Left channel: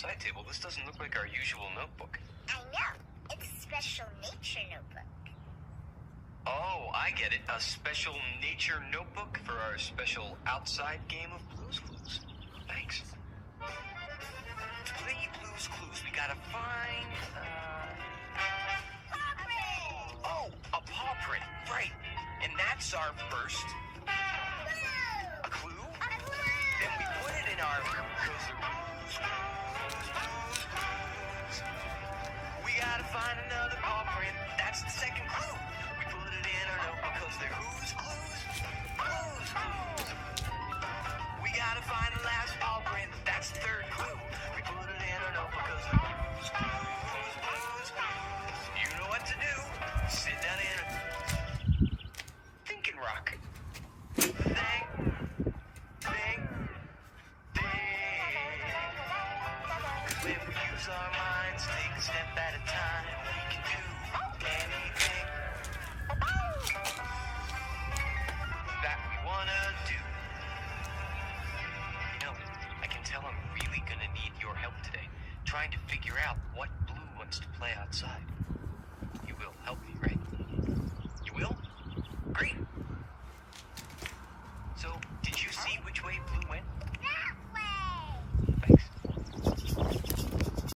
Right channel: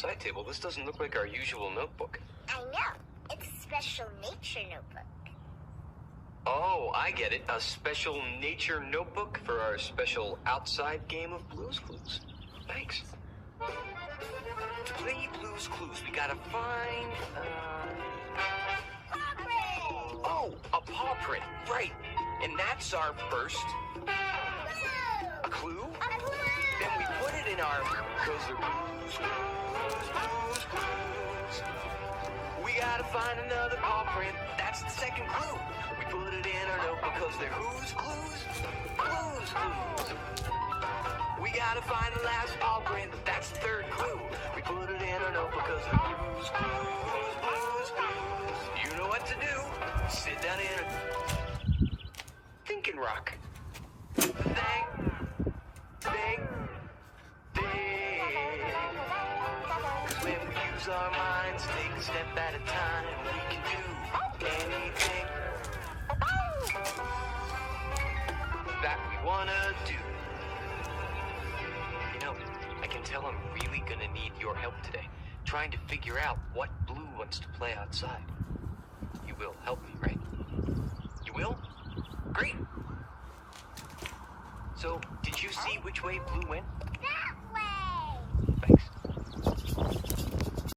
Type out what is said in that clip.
Side table, this doesn't look like our usual notebook. I know. It's a special nature notebook. Oh, I get it. A special nature notebook for our special outside game of Blue's Clues. Thanks. To play Blue's Clues, we gotta find... Paw print! Oh, a paw print, right. And that's our first... A clue? A clue! And we put it in our... Because the Blue's Clues. We gotta find another paw print. That's the second clue. We put it in our notebook because they're who's clues? Blue's Clues. We gotta find the last paw print. That's the third clue. We put it in our notebook because they're Blue's Clues. Blue's Clues. You know what to do. Sit down here. Think and rock. Think. When we use our minds, take a step at a time, we can do anything that we wanna do. You know, I can tell I'm really gonna need your help today, trying to figure out what Blue wants to play outside. You will help me, right? You will? Great. So, did you see which way Blue